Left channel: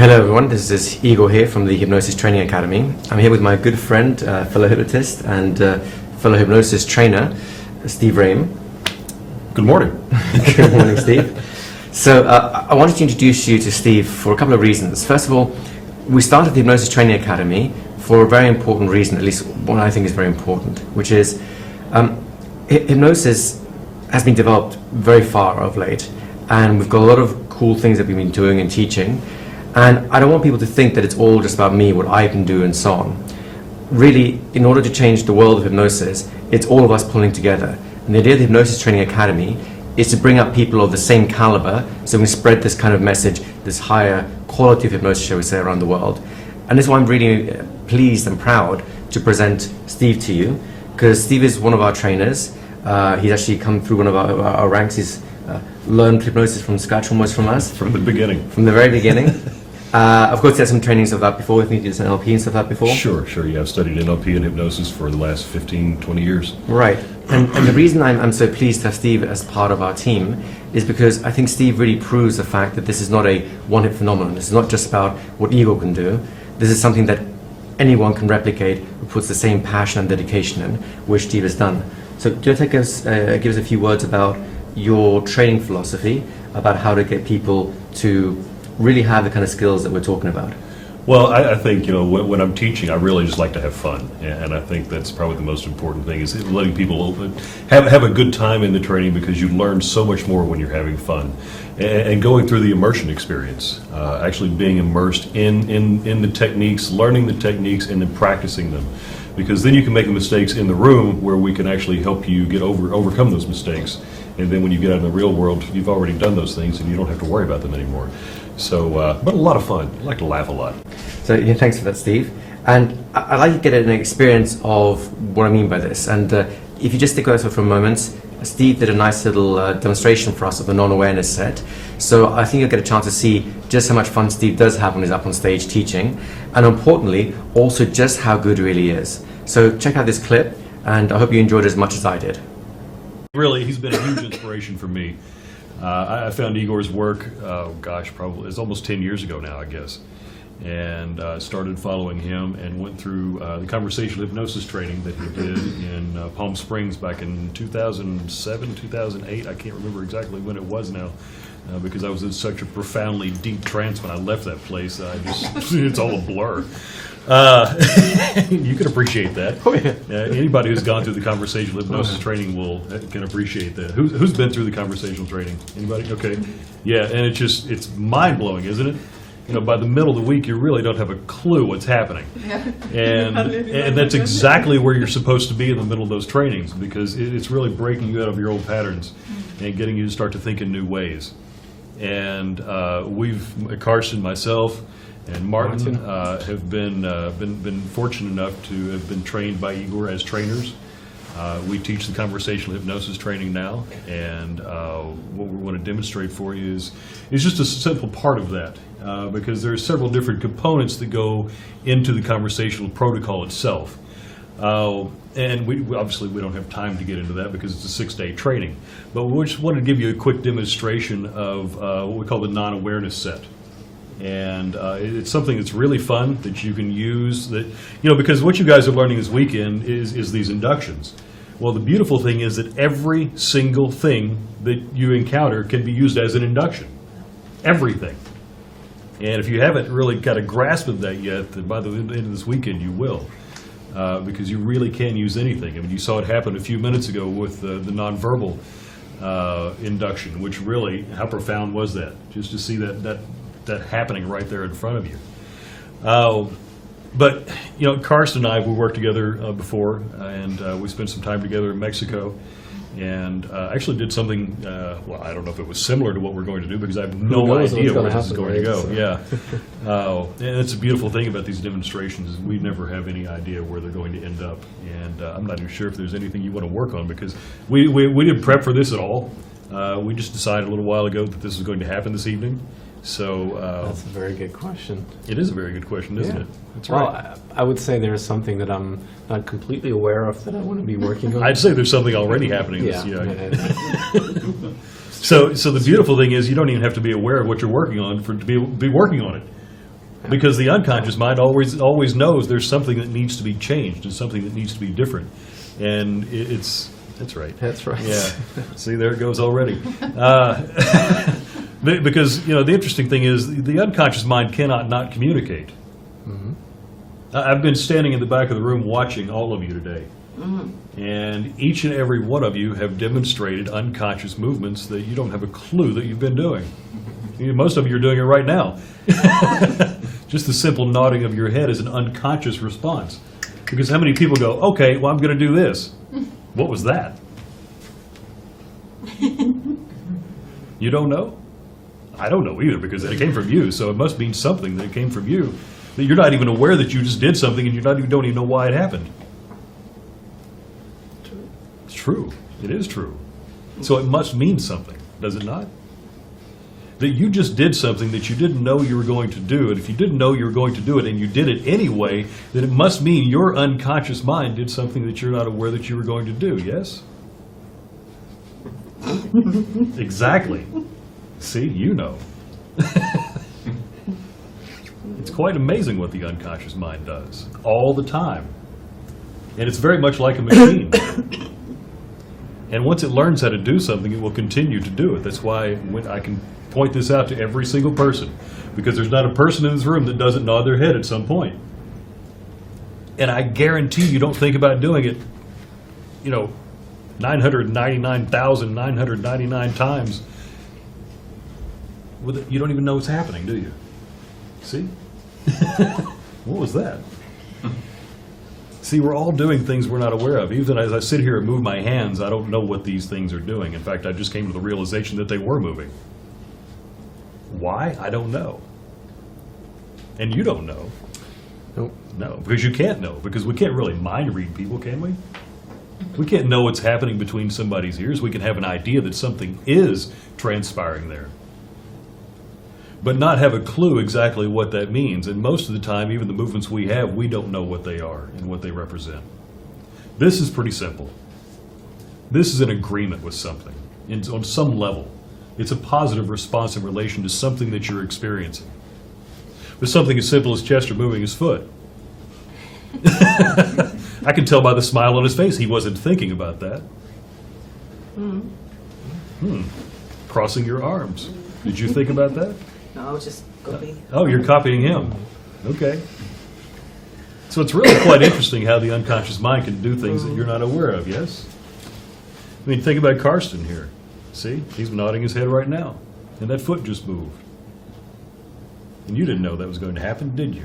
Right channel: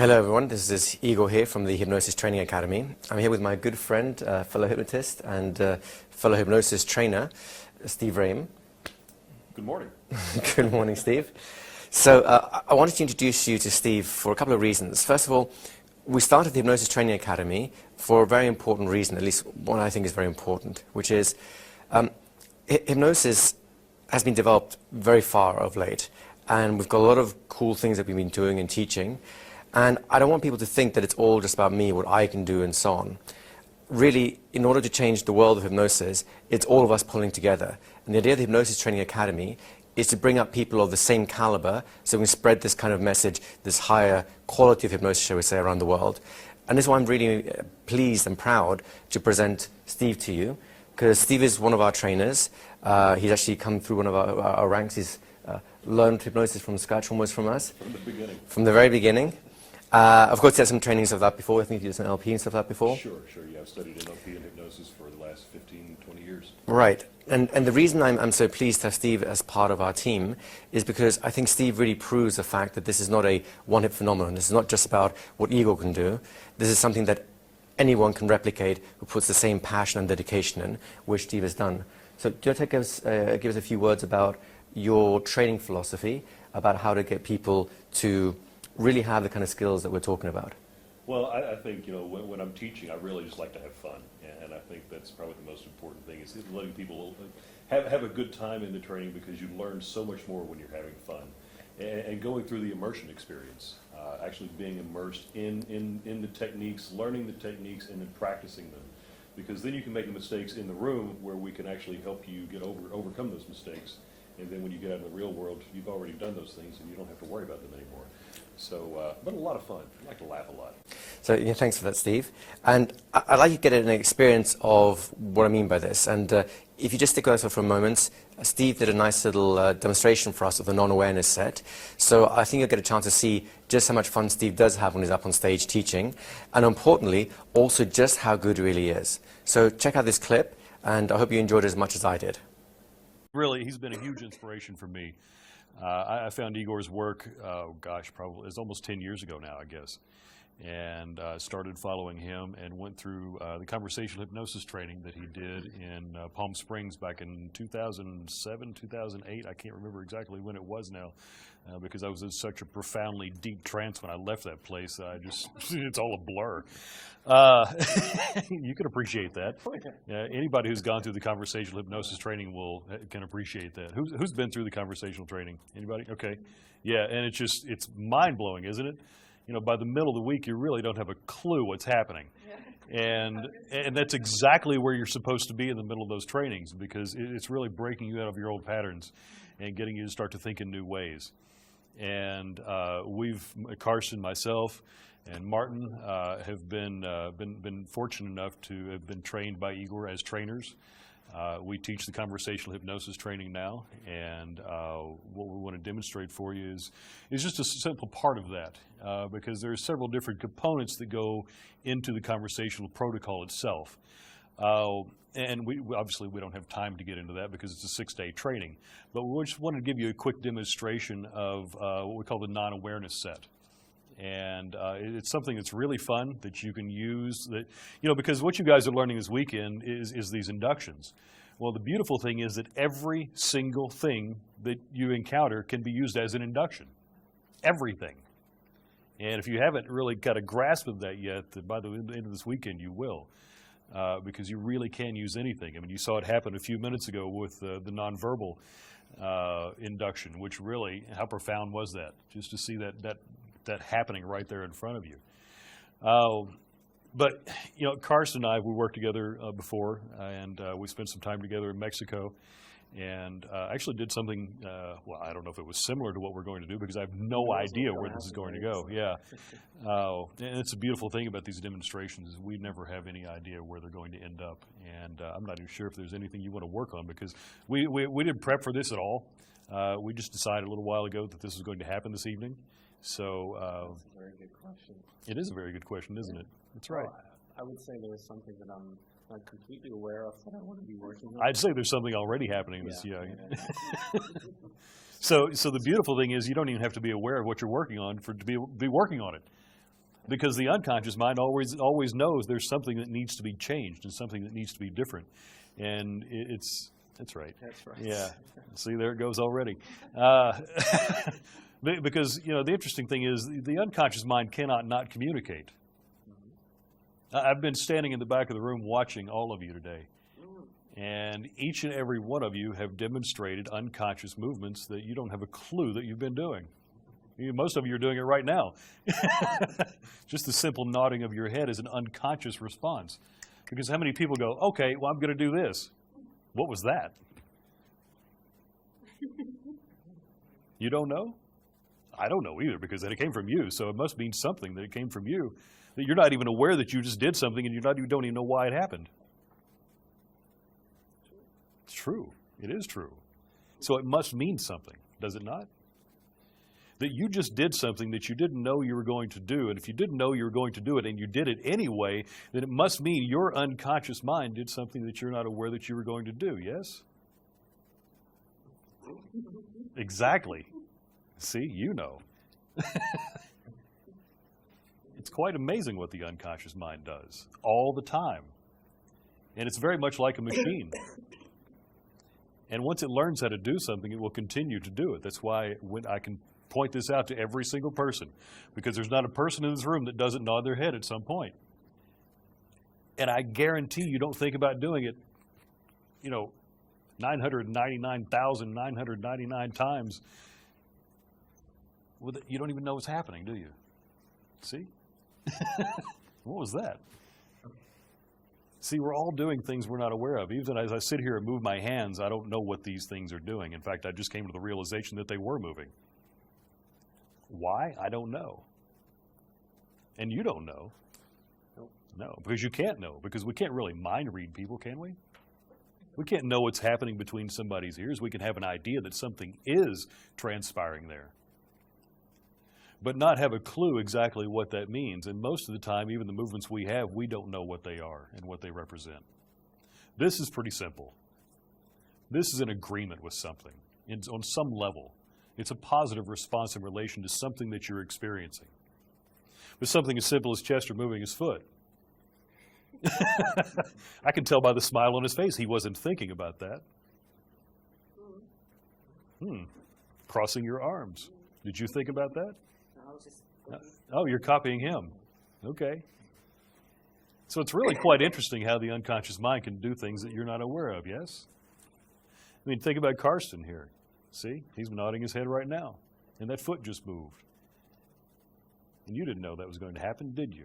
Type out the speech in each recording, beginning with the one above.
Hello everyone, this is Igor here from the Hypnosis Training Academy. I'm here with my good friend, fellow hypnotist and fellow hypnosis trainer, Steve Roehm. Good morning. Good morning, Steve. So I wanted to introduce you to Steve for a couple of reasons. First of all, we started the Hypnosis Training Academy for a very important reason, at least one I think is very important, which is hypnosis has been developed very far of late, and we've got a lot of cool things that we've been doing and teaching. And I don't want people to think that it's all just about me, what I can do, and so on. Really, in order to change the world of hypnosis, it's all of us pulling together. And the idea of the Hypnosis Training Academy is to bring up people of the same caliber so we can spread this kind of message, this higher quality of hypnosis, shall we say, around the world. And this is why I'm really pleased and proud to present Steve to you, because Steve is one of our trainers. He's actually come through one of our ranks. He's learned hypnosis from scratch almost from us. From the beginning. From the very beginning. Of course, he had some trainings of that before. I think he did some NLP and stuff like that before. Sure. Yeah, I've studied NLP and hypnosis for the last 15, 20 years. Right. And the reason I'm so pleased to have Steve as part of our team is because I think Steve really proves the fact that this is not a one-hit phenomenon. This is not just about what Igor can do. This is something that anyone can replicate who puts the same passion and dedication in, which Steve has done. So do you want to give us a few words about your training philosophy, about how to get people to really have the kind of skills that we're talking about? Well, I think, when I'm teaching, I really just like to have fun. And I think that's probably the most important thing, is letting people have a good time in the training, because you learn so much more when you're having fun. And going through the immersion experience, actually being immersed in the techniques, learning the techniques, and then practicing them. Because then you can make mistakes in the room where we can actually help you overcome those mistakes. And then when you get out in the real world, you've already done those things and you don't have to worry about them anymore. So, but a lot of fun. I like to laugh a lot. So yeah, thanks for that, Steve. And I'd like to get an experience of what I mean by this. And if you just stick with us for a moment, Steve did a nice little demonstration for us of the Non-Awareness Set. So I think you'll get a chance to see just how much fun Steve does have when he's up on stage teaching. And importantly, also just how good he really is. So check out this clip, and I hope you enjoyed it as much as I did. Really, he's been a huge inspiration for me. I found Igor's work, probably it's almost 10 years ago now, I guess. And started following him and went through the conversational hypnosis training that he did in Palm Springs back in 2007, 2008. I can't remember exactly when it was now, because I was in such a profoundly deep trance when I left that place. It's all a blur. You can appreciate that. Oh, yeah. Anybody who's gone through the conversational hypnosis training can appreciate that. Who's been through the conversational training? Anybody? Okay. Yeah, and it's mind-blowing, isn't it? By the middle of the week, you really don't have a clue what's happening. Yeah. And that's exactly where you're supposed to be in the middle of those trainings, because it's really breaking you out of your old patterns and getting you to start to think in new ways. And Carson, myself, and Martin have been fortunate enough to have been trained by Igor as trainers. We teach the conversational hypnosis training now, and what we want to demonstrate for you is just a simple part of that, because there are several different components that go into the conversational protocol itself. And we obviously don't have time to get into that because it's a 6-day training, but we just wanted to give you a quick demonstration of what we call the Non-Awareness Set. And it's something that's really fun that you can use, because what you guys are learning this weekend is these inductions. Well, the beautiful thing is that every single thing that you encounter can be used as an induction. Everything. And if you haven't really got a grasp of that yet, then by the end of this weekend you will. Because you really can use anything. I mean, you saw it happen a few minutes ago with the nonverbal induction, which really, how profound was that? Just to see that happening right there in front of you. But Carson and I, we worked together before, and we spent some time together in Mexico, and actually did something, well, I don't know if it was similar to what we're going to do, because I have no idea where this is going to go. So. Yeah. And it's a beautiful thing about these demonstrations, is we never have any idea where they're going to end up. And I'm not even sure if there's anything you want to work on, because we didn't prep for this at all. We just decided a little while ago that this was going to happen this evening. So that's a very good question. It is a very good question, isn't it? That's well, right. I would say there's something that I'm not completely aware of that I want to be working on. I'd say there's something already happening. Yeah. So the beautiful thing is you don't even have to be aware of what you're working on to be working on it. Because the unconscious mind always knows there's something that needs to be changed and something that needs to be different. And that's right. That's right. Yeah. See, there it goes already. Because, the interesting thing is the unconscious mind cannot not communicate. Mm-hmm. I've been standing in the back of the room watching all of you today. And each and every one of you have demonstrated unconscious movements that you don't have a clue that you've been doing. Most of you are doing it right now. Just the simple nodding of your head is an unconscious response. Because how many people go, okay, well, I'm going to do this. What was that? You don't know? I don't know either, because it came from you, so it must mean something that it came from you. That you're not even aware that you just did something and you don't even know why it happened. It's true. It is true. So it must mean something, does it not? That you just did something that you didn't know you were going to do, and if you didn't know you were going to do it and you did it anyway, then it must mean your unconscious mind did something that you're not aware that you were going to do, yes? Exactly. See, you know. It's quite amazing what the unconscious mind does, all the time. And it's very much like a machine. And once it learns how to do something, it will continue to do it. That's why I can point this out to every single person, because there's not a person in this room that doesn't nod their head at some point. And I guarantee you don't think about doing it, 999,999 times. You don't even know what's happening, do you? See? What was that? See, we're all doing things we're not aware of. Even as I sit here and move my hands, I don't know what these things are doing. In fact, I just came to the realization that they were moving. Why? I don't know. And you don't know. Nope. No, because you can't know, because we can't really mind read people, can we? We can't know what's happening between somebody's ears. We can have an idea that something is transpiring there, but not have a clue exactly what that means. And most of the time, even the movements we have, we don't know what they are and what they represent. This is pretty simple. This is an agreement with something on some level. It's a positive response in relation to something that you're experiencing. With something as simple as Chester moving his foot. I can tell by the smile on his face he wasn't thinking about that. Crossing your arms. Did you think about that? No, I was just copying. Oh, you're copying him. Okay. So it's really quite interesting how the unconscious mind can do things that you're not aware of, yes? I mean, think about Karsten here. See? He's nodding his head right now. And that foot just moved. And you didn't know that was going to happen, did you?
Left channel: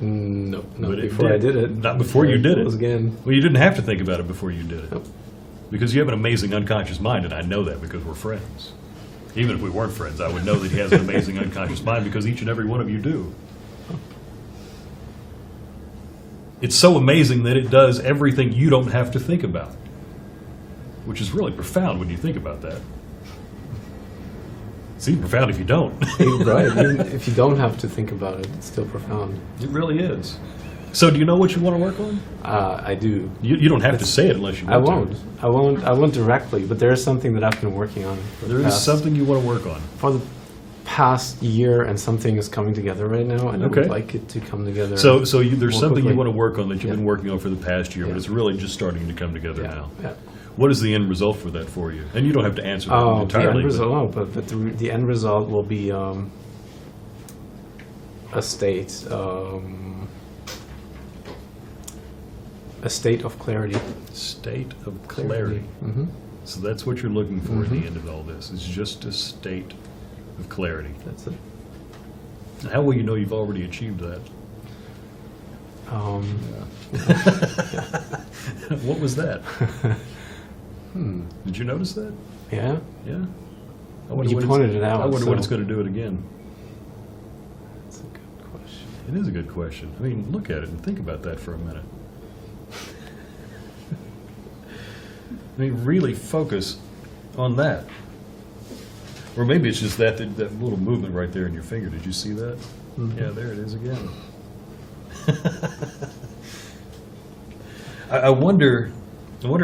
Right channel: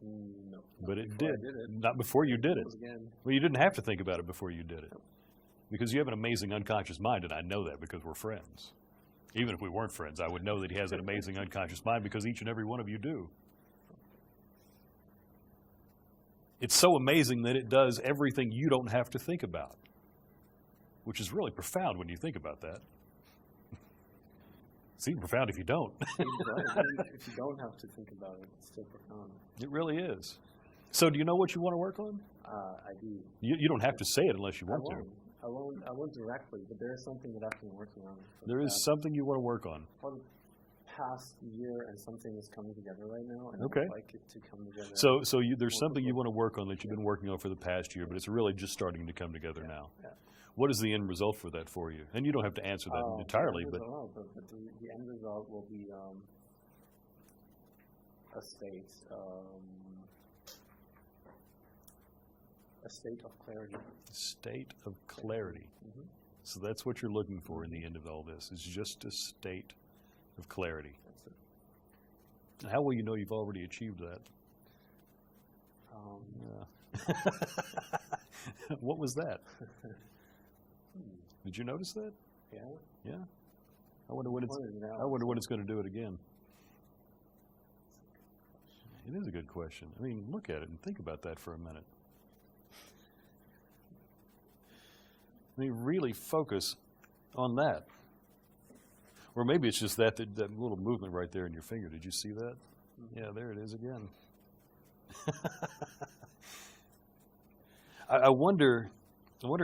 No, not But it before I did it. Not before you did it. Again. Well, you didn't have to think about it before you did it. Nope. Because you have an amazing unconscious mind, and I know that because we're friends. Even if we weren't friends, I would know that he has an amazing unconscious mind because each and every one of you do. It's so amazing that it does everything you don't have to think about, which is really profound when you think about that. It's even profound if you don't. Right. Even if you don't have to think about it, it's still profound. It really is. So do you know what you want to work on? I do. You don't have to say it unless you I want won't. to. I won't directly, but there is something that I've been working on. There is something you want to work on. For the past year, and something is coming together right now, and I Okay. would like it to come together. So there's more something you quickly. want to work on that you've Yeah. been working on for the past year, but Yeah. it's really just starting to come together Yeah. now. Yeah. What is the end result for that for you? And you don't have to answer that The entirely. end but- result, no, but the end result will be a state of clarity. State of clarity. Mm-hmm. So that's what you're looking for at the end of all this, is just a state of clarity. That's it. How will you know you've already achieved that? What was that? Did you notice that? Yeah. Yeah? You pointed it out. I wonder when so- it's going to do it again. That's a good question. It is a good question. I mean, look at it and think about that for a minute. I mean, really focus on that. Or maybe it's just that little movement right there in your finger. Did you see that? Mhm. Yeah, there it is again. I wonder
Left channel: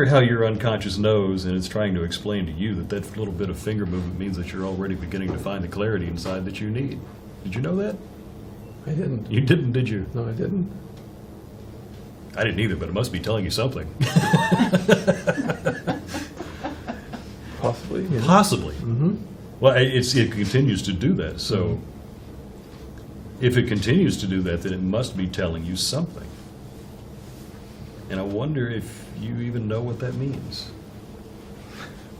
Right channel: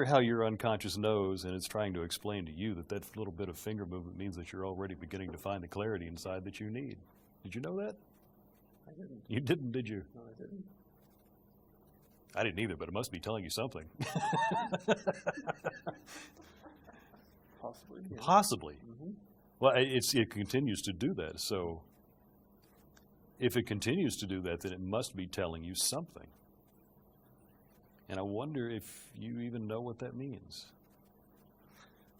how your unconscious knows, and it's trying to explain to you that little bit of finger movement means that you're already beginning to find the clarity inside that you need. Did you know that? I didn't. You didn't, did you? No, I didn't. I didn't either, but it must be telling you something. Possibly. Yeah. Possibly. Mm-hmm. Well, it continues to do that, so if it continues to do that, then it must be telling you something. And I wonder if you even know what that means.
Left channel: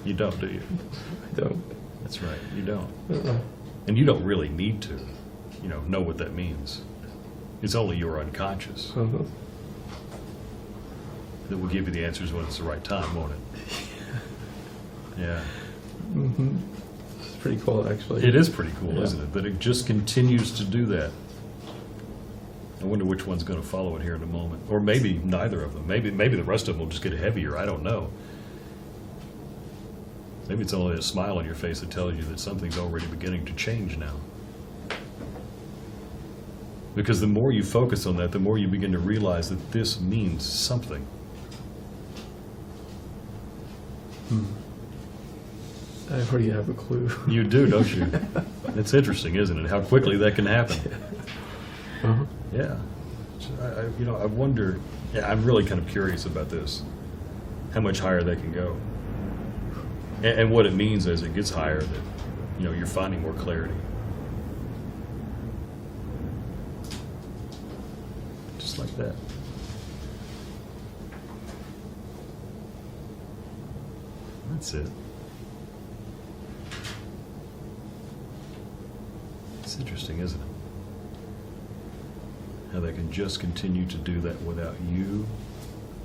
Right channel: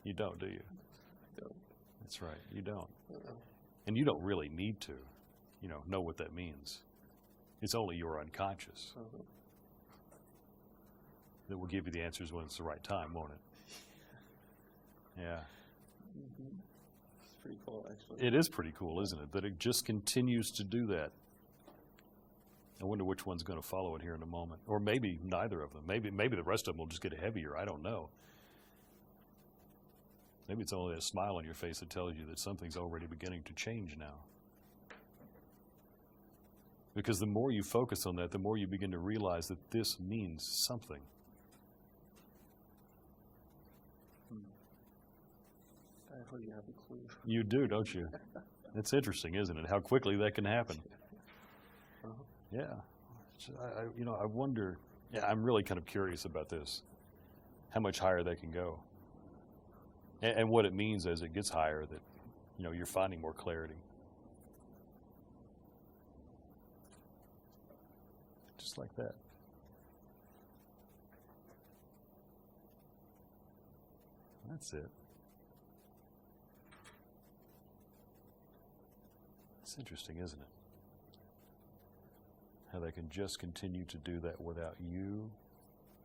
You don't, do you? I don't. That's right, you don't. Uh-uh. And you don't really need to, know what that means. It's only your unconscious Uh-huh. that will give you the answers when it's the right time, won't it? Yeah. Mm-hmm. It's pretty cool, actually. It is pretty cool, Yeah. isn't it? That it just continues to do that. I wonder which one's going to follow it here in a moment. Or maybe neither of them. Maybe the rest of them will just get heavier. I don't know. Maybe it's only a smile on your face that tells you that something's already beginning to change now. Because the more you focus on that, the more you begin to realize that this means something. I already have a clue. You do, don't you? It's interesting, isn't it? How quickly that can happen. Uh-huh. Yeah. So I wonder, I'm really kind of curious about this. How much higher that can go. And what it means as it gets higher that, you're finding more clarity. Just like that. That's it. It's interesting, isn't it? How they can just continue to do that without you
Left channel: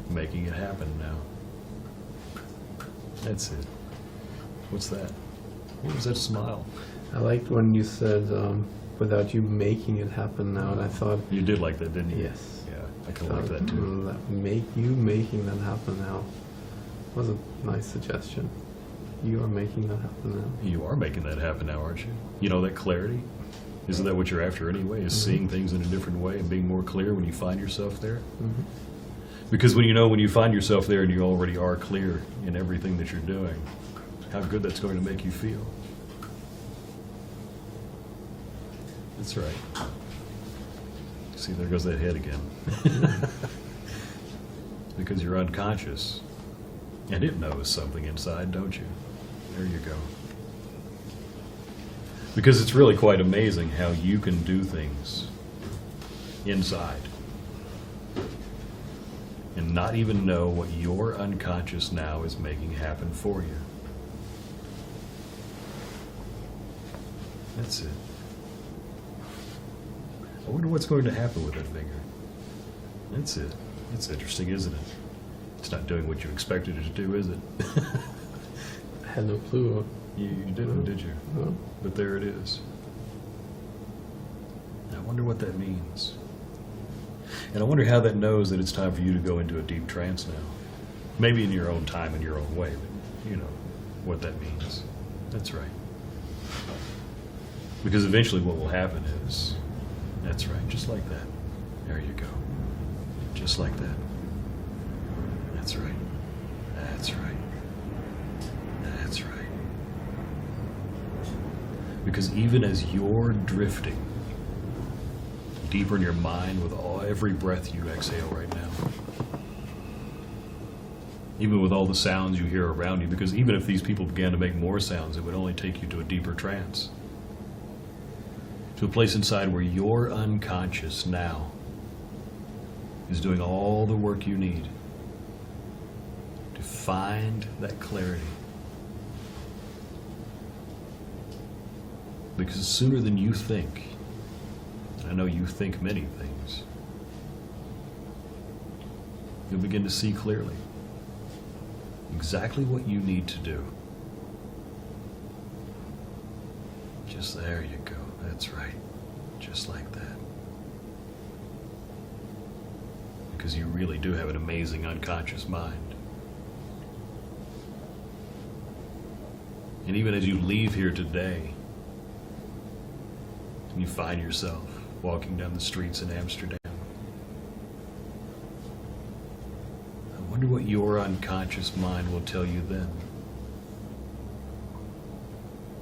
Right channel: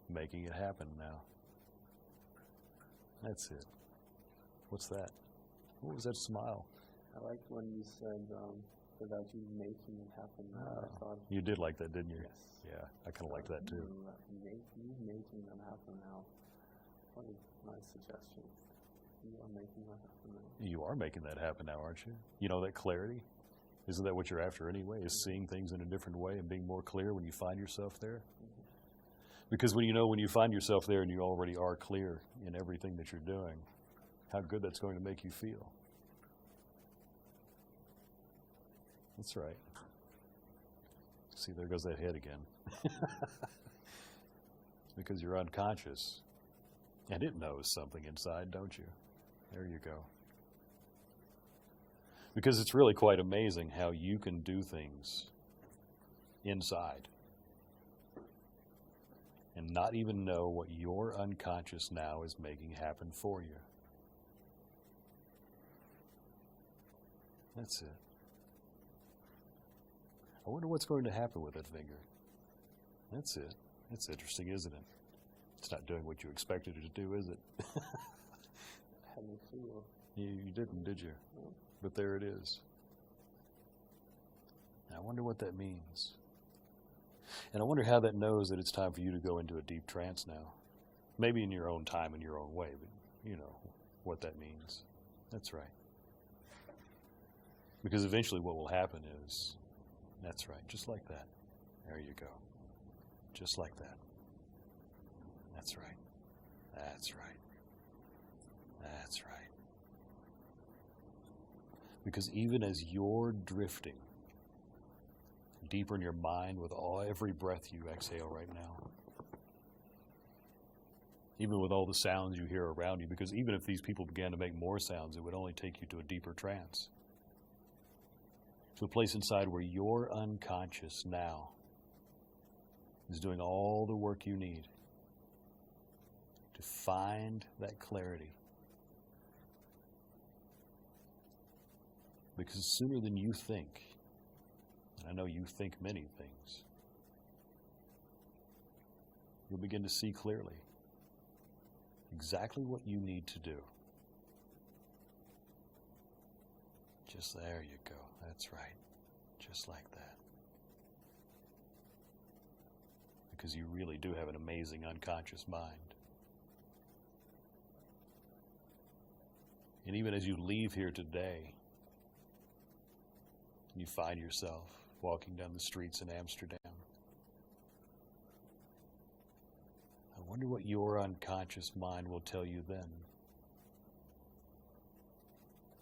making it happen now. That's it. What's that? What was that smile? I liked when you said, without you making it happen now, and I thought, You did like that, didn't you? yes. Yeah, I kind of like that too. Making that happen now was a nice suggestion. You are making that happen now. You are making that happen now, aren't you? You know, that clarity? Isn't that what you're after anyway, is seeing things in a different way and being more clear when you find yourself there? Mm-hmm. Because when you find yourself there and you already are clear in everything that you're doing, how good that's going to make you feel. That's right. See, there goes that head again. Because you're unconscious, and it knows something inside, don't you? There you go. Because it's really quite amazing how you can do things inside and not even know what your unconscious now is making happen for you. That's it. I wonder what's going to happen with that finger. That's it. It's interesting, isn't it? It's not doing what you expected it to do, is it? I had no clue. You didn't, did you? No. But there it is. I wonder what that means. And I wonder how that knows that it's time for you to go into a deep trance now. Maybe in your own time, in your own way, but you know what that means. That's right. Because eventually what will happen is, that's right, just like that. There you go. Just like that. That's right. That's right. That's right. Because even as you're drifting deeper in your mind with every breath you exhale right now, even with all the sounds you hear around you, because even if these people began to make more sounds, it would only take you to a deeper trance. To a place inside where your unconscious now is doing all the work you need to find that clarity. Because sooner than you think, and I know you think many things, you'll begin to see clearly exactly what you need to do. Just there you go. That's right. Just like that. Because you really do have an amazing unconscious mind. And even as you leave here today, and you find yourself walking down the streets in Amsterdam, I wonder what your unconscious mind will tell you then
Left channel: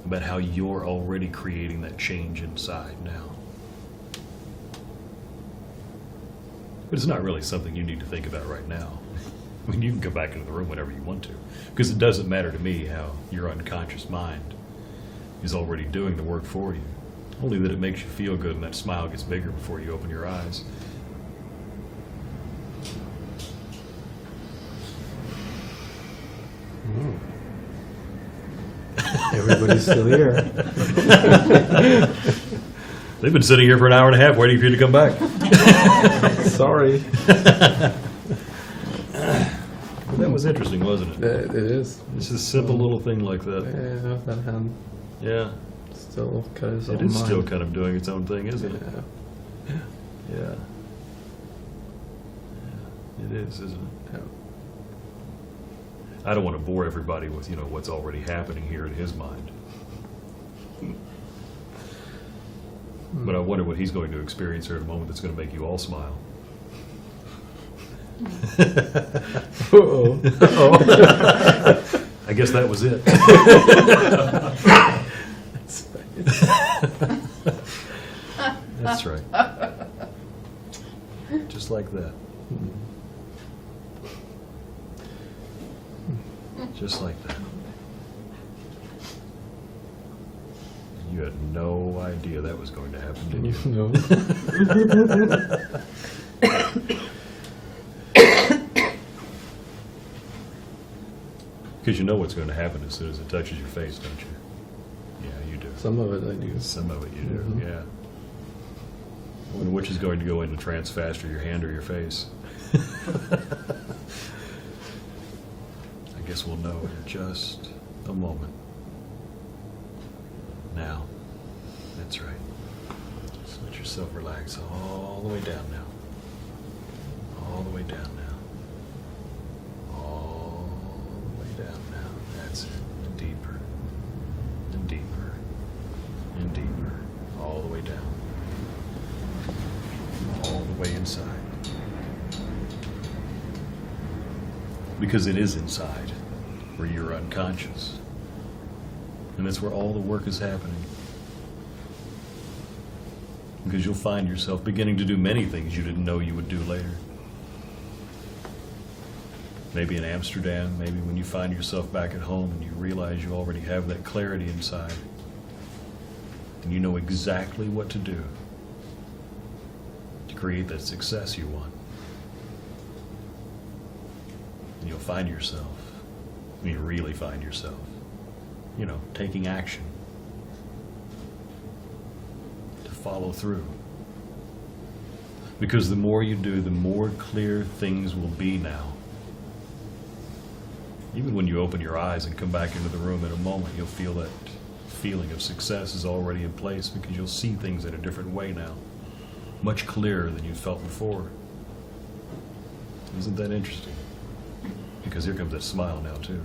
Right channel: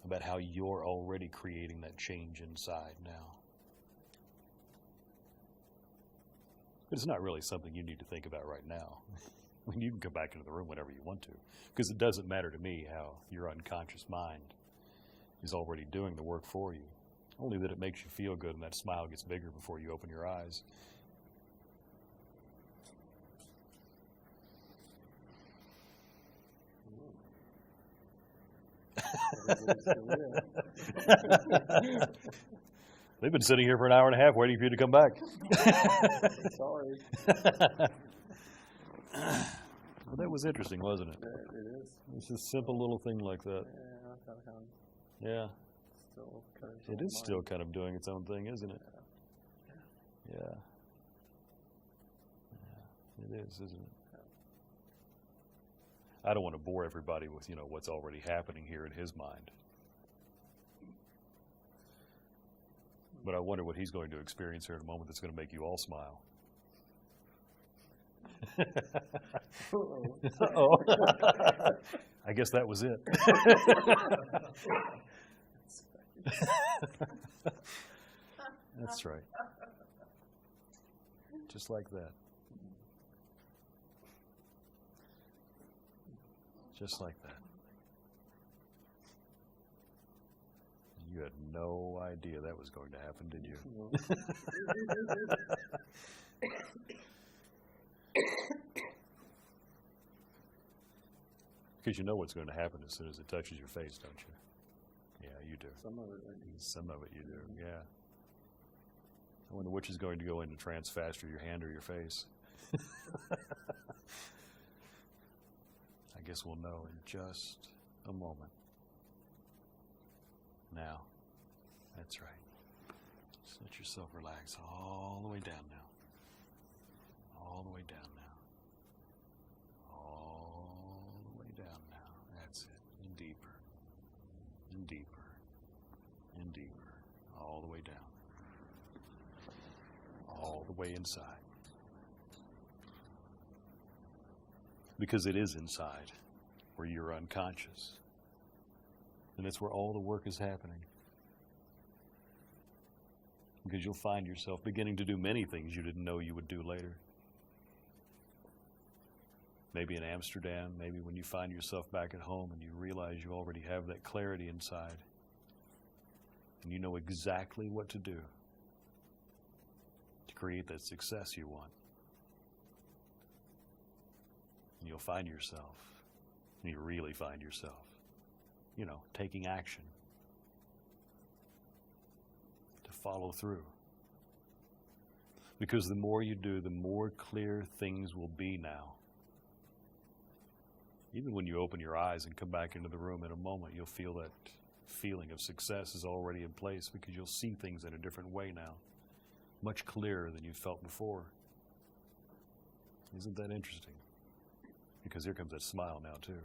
about how you're already creating that change inside now. But it's not really something you need to think about right now. I mean, you can go back into the room whenever you want to, because it doesn't matter to me how your unconscious mind is already doing the work for you. Only that it makes you feel good and that smile gets bigger before you open your eyes. Everybody's still here. They've been sitting here for an hour and a half waiting for you to come back. Sorry. Well, that was interesting, wasn't it? It is. It's just a simple little thing like that. Yeah, that hand Yeah. still kind of. It is still kind of doing its own thing, isn't it? Yeah. Yeah. It is, isn't it? Yeah. I don't want to bore everybody with, what's already happening here in his mind. But I wonder what he's going to experience here in a moment that's going to make you all smile. Uh-oh. I guess that was it. That's right. Just like that. Just like that. You had no idea that was going to happen, did you? No. Because you know what's going to happen as soon as it touches your face, don't you? Yeah, you do. Some of it I do. Some of it you do, Mhm. yeah. I wonder which is going to go into trance faster, your hand or your face. I guess we'll know in just a moment. Now, that's right. Just let yourself relax all the way down now. All the way down now. All the way down now. That's it. And deeper. And deeper. And deeper. All the way down. All the way inside. Because it is inside, where you're unconscious. And that's where all the work is happening. Because you'll find yourself beginning to do many things you didn't know you would do later. Maybe in Amsterdam, maybe when you find yourself back at home and you realize you already have that clarity inside. And you know exactly what to do to create that success you want. And you'll find yourself, you really find yourself, taking action to follow through. Because the more you do, the more clear things will be now. Even when you open your eyes and come back into the room in a moment, you'll feel that feeling of success is already in place because you'll see things in a different way now. Much clearer than you felt before. Isn't that interesting? Because here comes that smile now, too.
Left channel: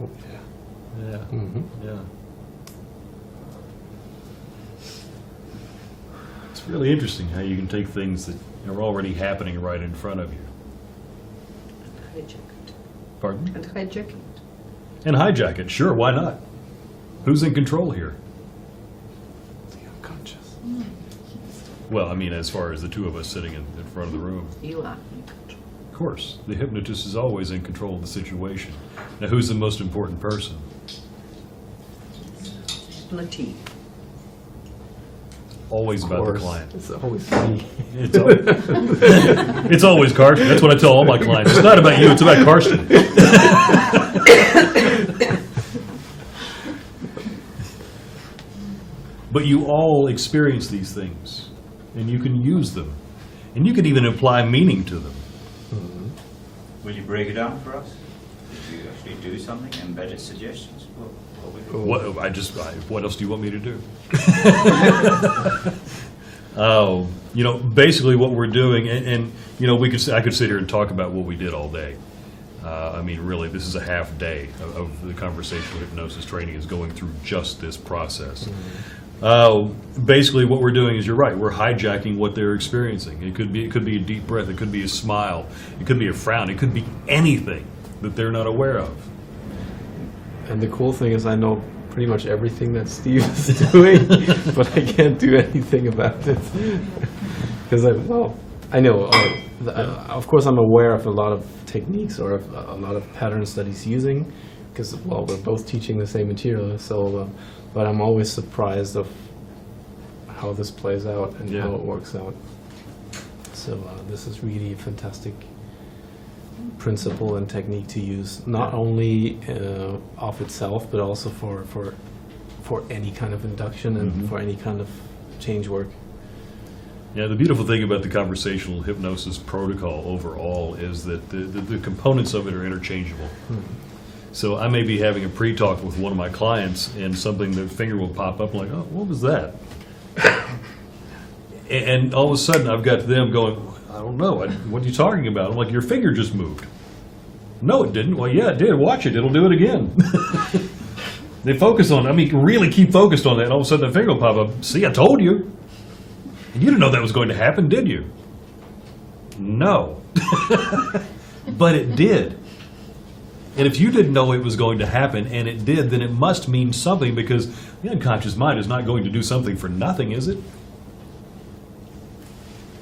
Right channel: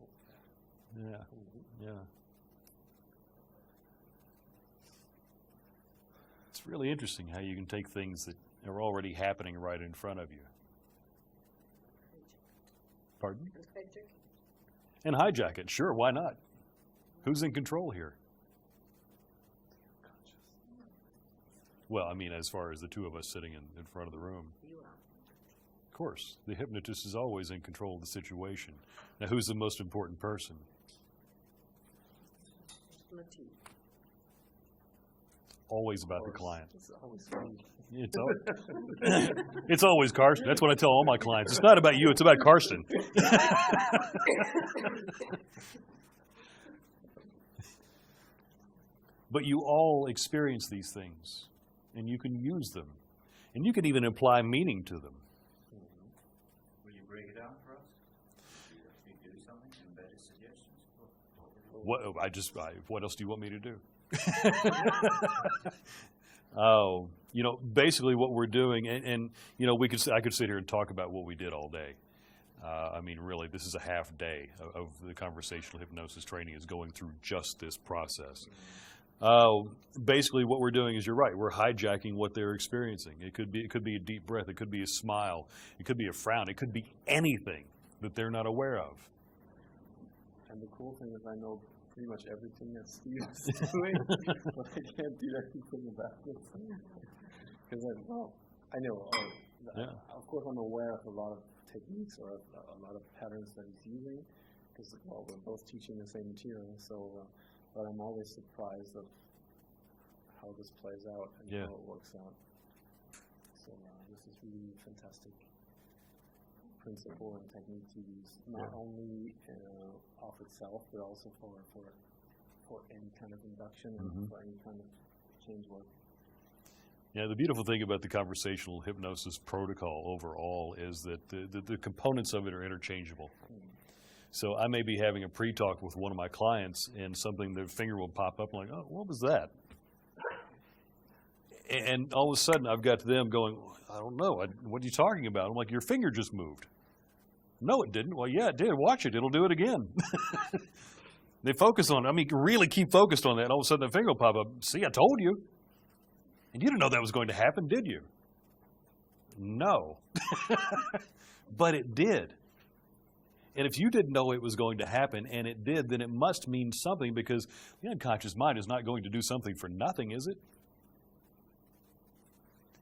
Oh, yeah. Yeah, Mhm. yeah. It's really interesting how you can take things that are already happening right in front of you. Hijack it. Pardon? And hijack it. And hijack it, sure, why not? Who's in control here? The unconscious. Well, I mean, as far as the two of us sitting in front of the room. You are in control. Of course, the hypnotist is always in control of the situation. Now, who's the most important person? Hypnotee. Always Of about the course. client. It's always me. It's always Karsten. That's what I tell all my clients. It's not about you, it's about Karsten. But you all experience these things, and you can use them, and you can even apply meaning to them. Will you break it down for us? Did you actually do something? Embedded suggestions? What would you What else do you want me to do? Basically what we're doing, and I could sit here and talk about what we did all day. Really, this is a half day of the conversational hypnosis training is going through just this process. Basically, what we're doing is, you're right, we're hijacking what they're experiencing. It could be a deep breath, it could be a smile, it could be a frown, it could be anything that they're not aware of. And the cool thing is I know pretty much everything that Steve is doing, but I can't do anything about it. Because I know. Of course, I'm aware of a lot of techniques or of a lot of patterns that he's using, because well, we're both teaching the same material. So, but I'm always surprised of how this plays out and Yeah. how it works out. So this is really a fantastic principle and technique to use, not only of itself, but also for any kind of induction and Mhm. for any kind of change work. Yeah, the beautiful thing about the conversational hypnosis protocol overall is that the components of it are interchangeable. So I may be having a pre-talk with one of my clients and something, their finger will pop up like, oh, what was that? And all of a sudden I've got them going, I don't know, what are you talking about? I'm like, your finger just moved. No, it didn't. Well, yeah, it did. Watch it. It'll do it again. They focus on, really keep focused on that, and all of a sudden the finger will pop up. See, I told you. And you didn't know that was going to happen, did you? No. But it did. And if you didn't know it was going to happen, and it did, then it must mean something, because the unconscious mind is not going to do something for nothing, is it?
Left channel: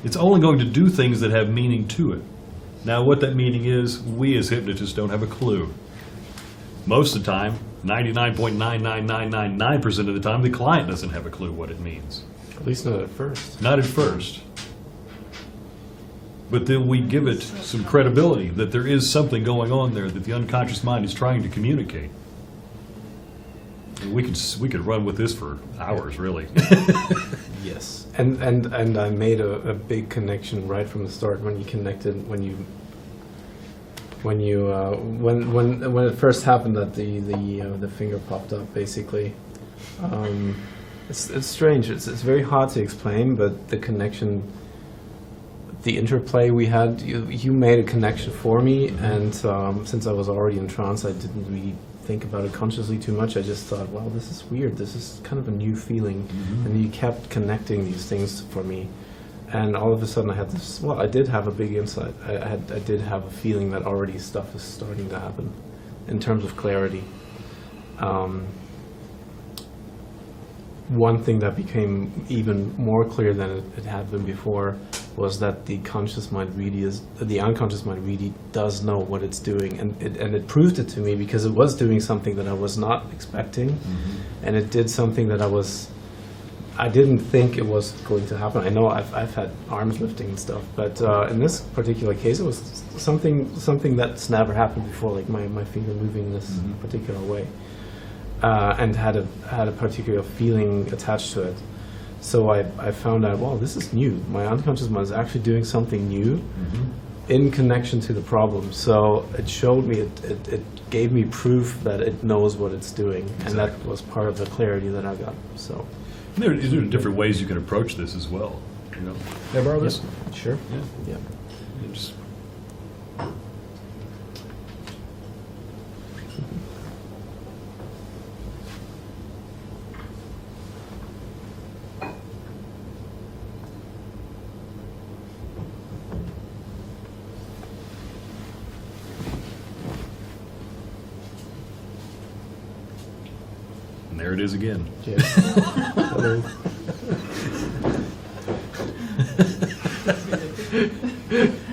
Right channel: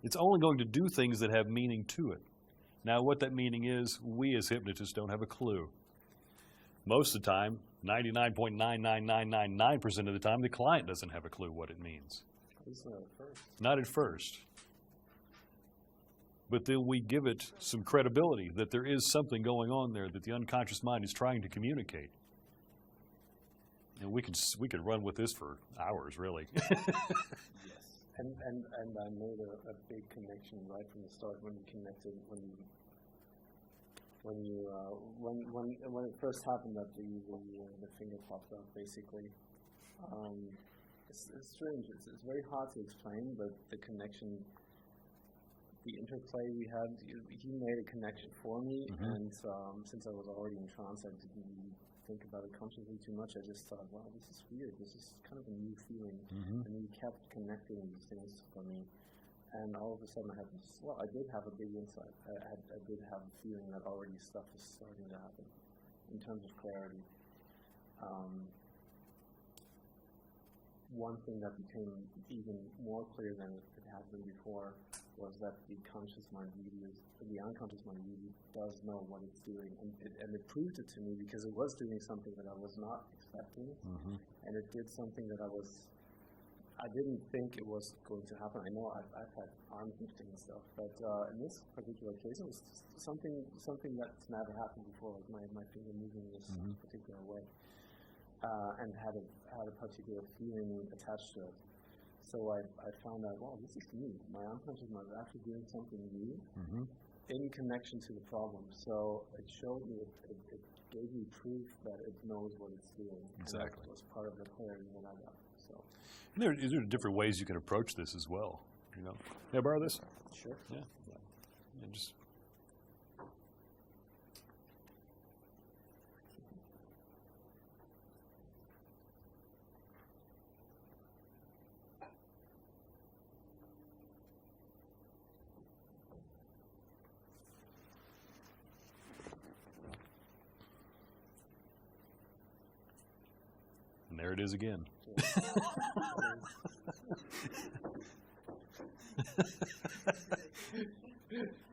It's only going to do things that have meaning to it. Now, what that meaning is, we as hypnotists don't have a clue. Most of the time, 99.99999% of the time, the client doesn't have a clue what it means. At least not at first. Not at first. But then we give it some credibility that there is something going on there that the unconscious mind is trying to communicate. And we could run with this for hours, really. Yes, and I made a big connection right from the start when you connected when it first happened that the finger popped up basically. It's strange. It's very hard to explain, but the connection, the interplay we had, you made a connection for me, and since I was already in trance, I didn't really think about it consciously too much. I just thought, wow, this is weird. This is kind of a new feeling, and you kept connecting these things for me, and all of a sudden I had this. Well, I did have a big insight. I did have a feeling that already stuff is starting to happen, in terms of clarity. One thing that became even more clear than it had been before was that the unconscious mind really does know what it's doing, and it proved it to me, because it was doing something that I was not expecting, and it did something that I didn't think it was going to happen. I know I've had arms lifting and stuff, but in this particular case, it was something that's never happened before, like my finger moving this particular way. And had a particular feeling attached to it. So I found out, wow, this is new. My unconscious mind is actually doing something new in connection to the problem. So it showed me, it gave me proof that it knows what it's doing. Exactly. And that was part of the clarity that I got. So There are different ways you can approach this as well. You know, can I borrow this? sure. Yeah. Yeah. You just- And there it is again. Yeah. Hello.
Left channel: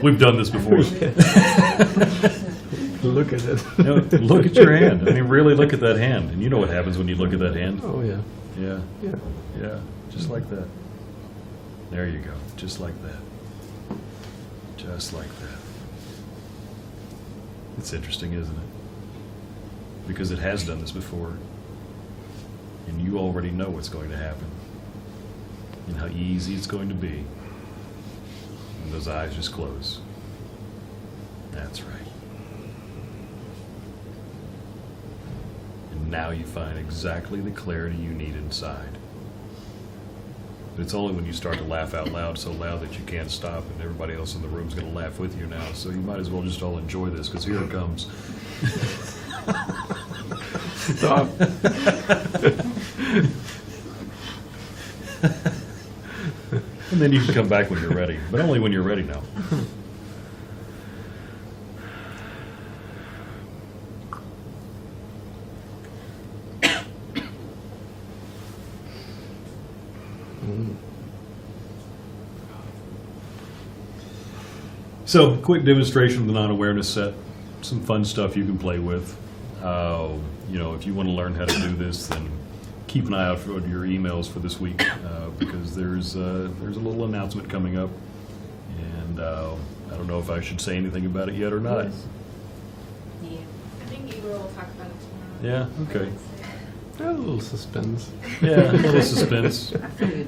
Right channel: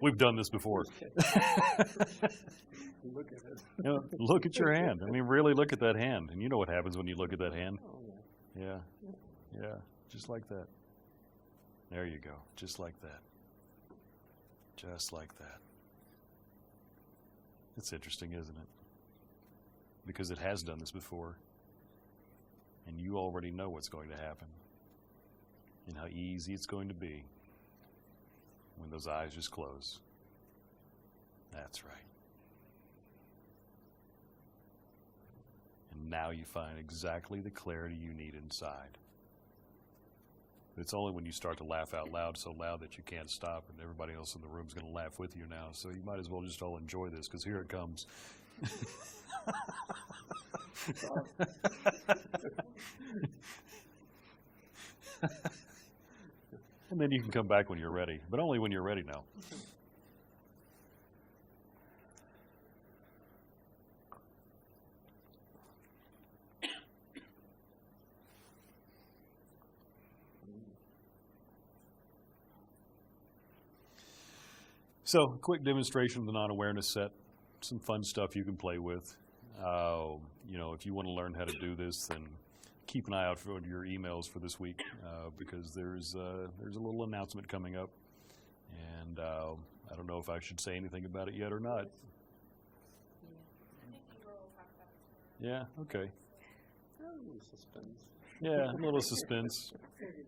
We've done this before. Look at it. You know, look at your hand. I mean, really look at that hand. And you know what happens when you look at that hand? Oh yeah. Yeah, Yeah. yeah, just like that. There you go, just like that. Just like that. It's interesting, isn't it? Because it has done this before. And you already know what's going to happen. And how easy it's going to be. And those eyes just close. That's right. And now you find exactly the clarity you need inside. But it's only when you start to laugh out loud, so loud that you can't stop, and everybody else in the room's going to laugh with you now. So you might as well just all enjoy this, because here it comes. Stop. And then you can come back when you're ready, but only when you're ready now. So, quick demonstration of the non-awareness set. Some fun stuff you can play with. You know, if you want to learn how to do this, then keep an eye out for your emails for this week because there's a little announcement coming up, and I don't know if I should say anything about it yet or not. Yeah. I think Igor will talk about it tomorrow. Yeah. Okay. A little suspense. Yeah. A little suspense. I think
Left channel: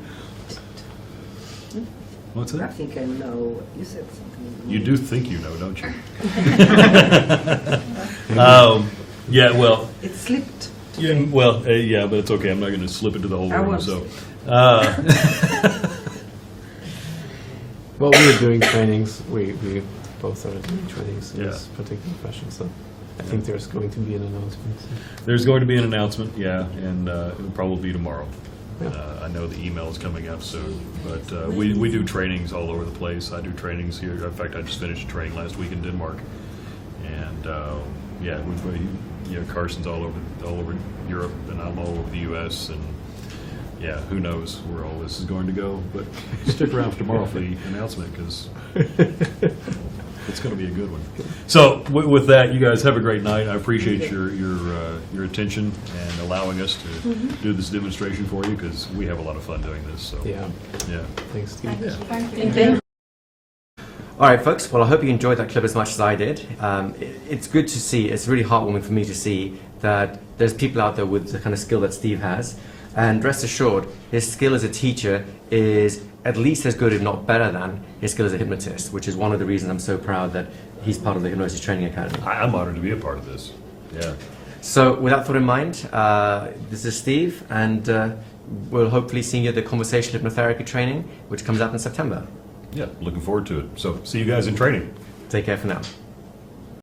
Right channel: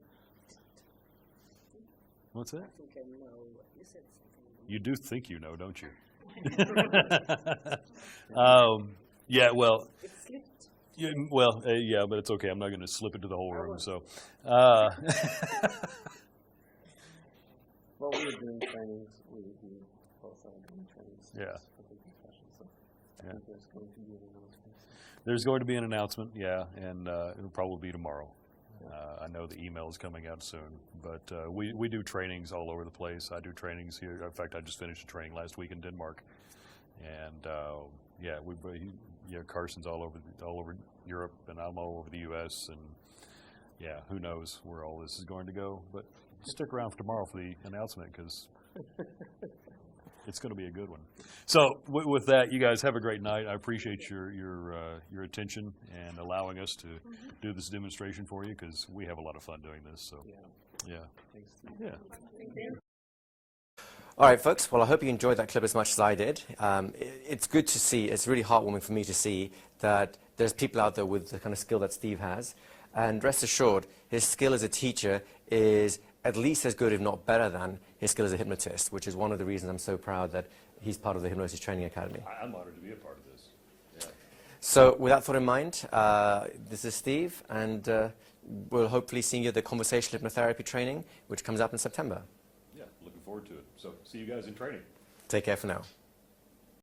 What's I that? think I know. You said something. You do think you know, don't you? Yeah. Well. It slipped. Yeah. Well. Yeah. But it's okay. I'm not going to slip into the whole I room. won't So. Well, we were doing trainings. We both started doing trainings in Yeah. this particular fashion. So I think there's going to be an announcement. There's going to be an announcement, yeah, and it'll probably be tomorrow. Yeah. I know the email is coming out soon, but we do trainings all over the place. I do trainings here. In fact, I just finished a training last week in Denmark, and yeah, Carson's all over Europe, and I'm all over the U.S. and yeah, who knows where all this is going to go? But stick around for tomorrow for the announcement because it's going to be a good one. So with that, you guys have a great night. I appreciate your attention and allowing us to do this demonstration for you because we have a lot of fun doing this. So Yeah. yeah. Thanks, Steve. Thank you. All right, folks. Well, I hope you enjoyed that clip as much as I did. It's good to see. It's really heartwarming for me to see that there's people out there with the kind of skill that Steve has. And rest assured, his skill as a teacher is at least as good, if not better than, his skill as a hypnotist, which is one of the reasons I'm so proud that he's part of the Hypnosis Training Academy. I'm honored to be a part of this. Yeah. So with that thought in mind, this is Steve, and we'll hopefully see you at the Conversational Hypnotherapy training, which comes out in September. Yeah, looking forward to it. So see you guys in training. Take care for now.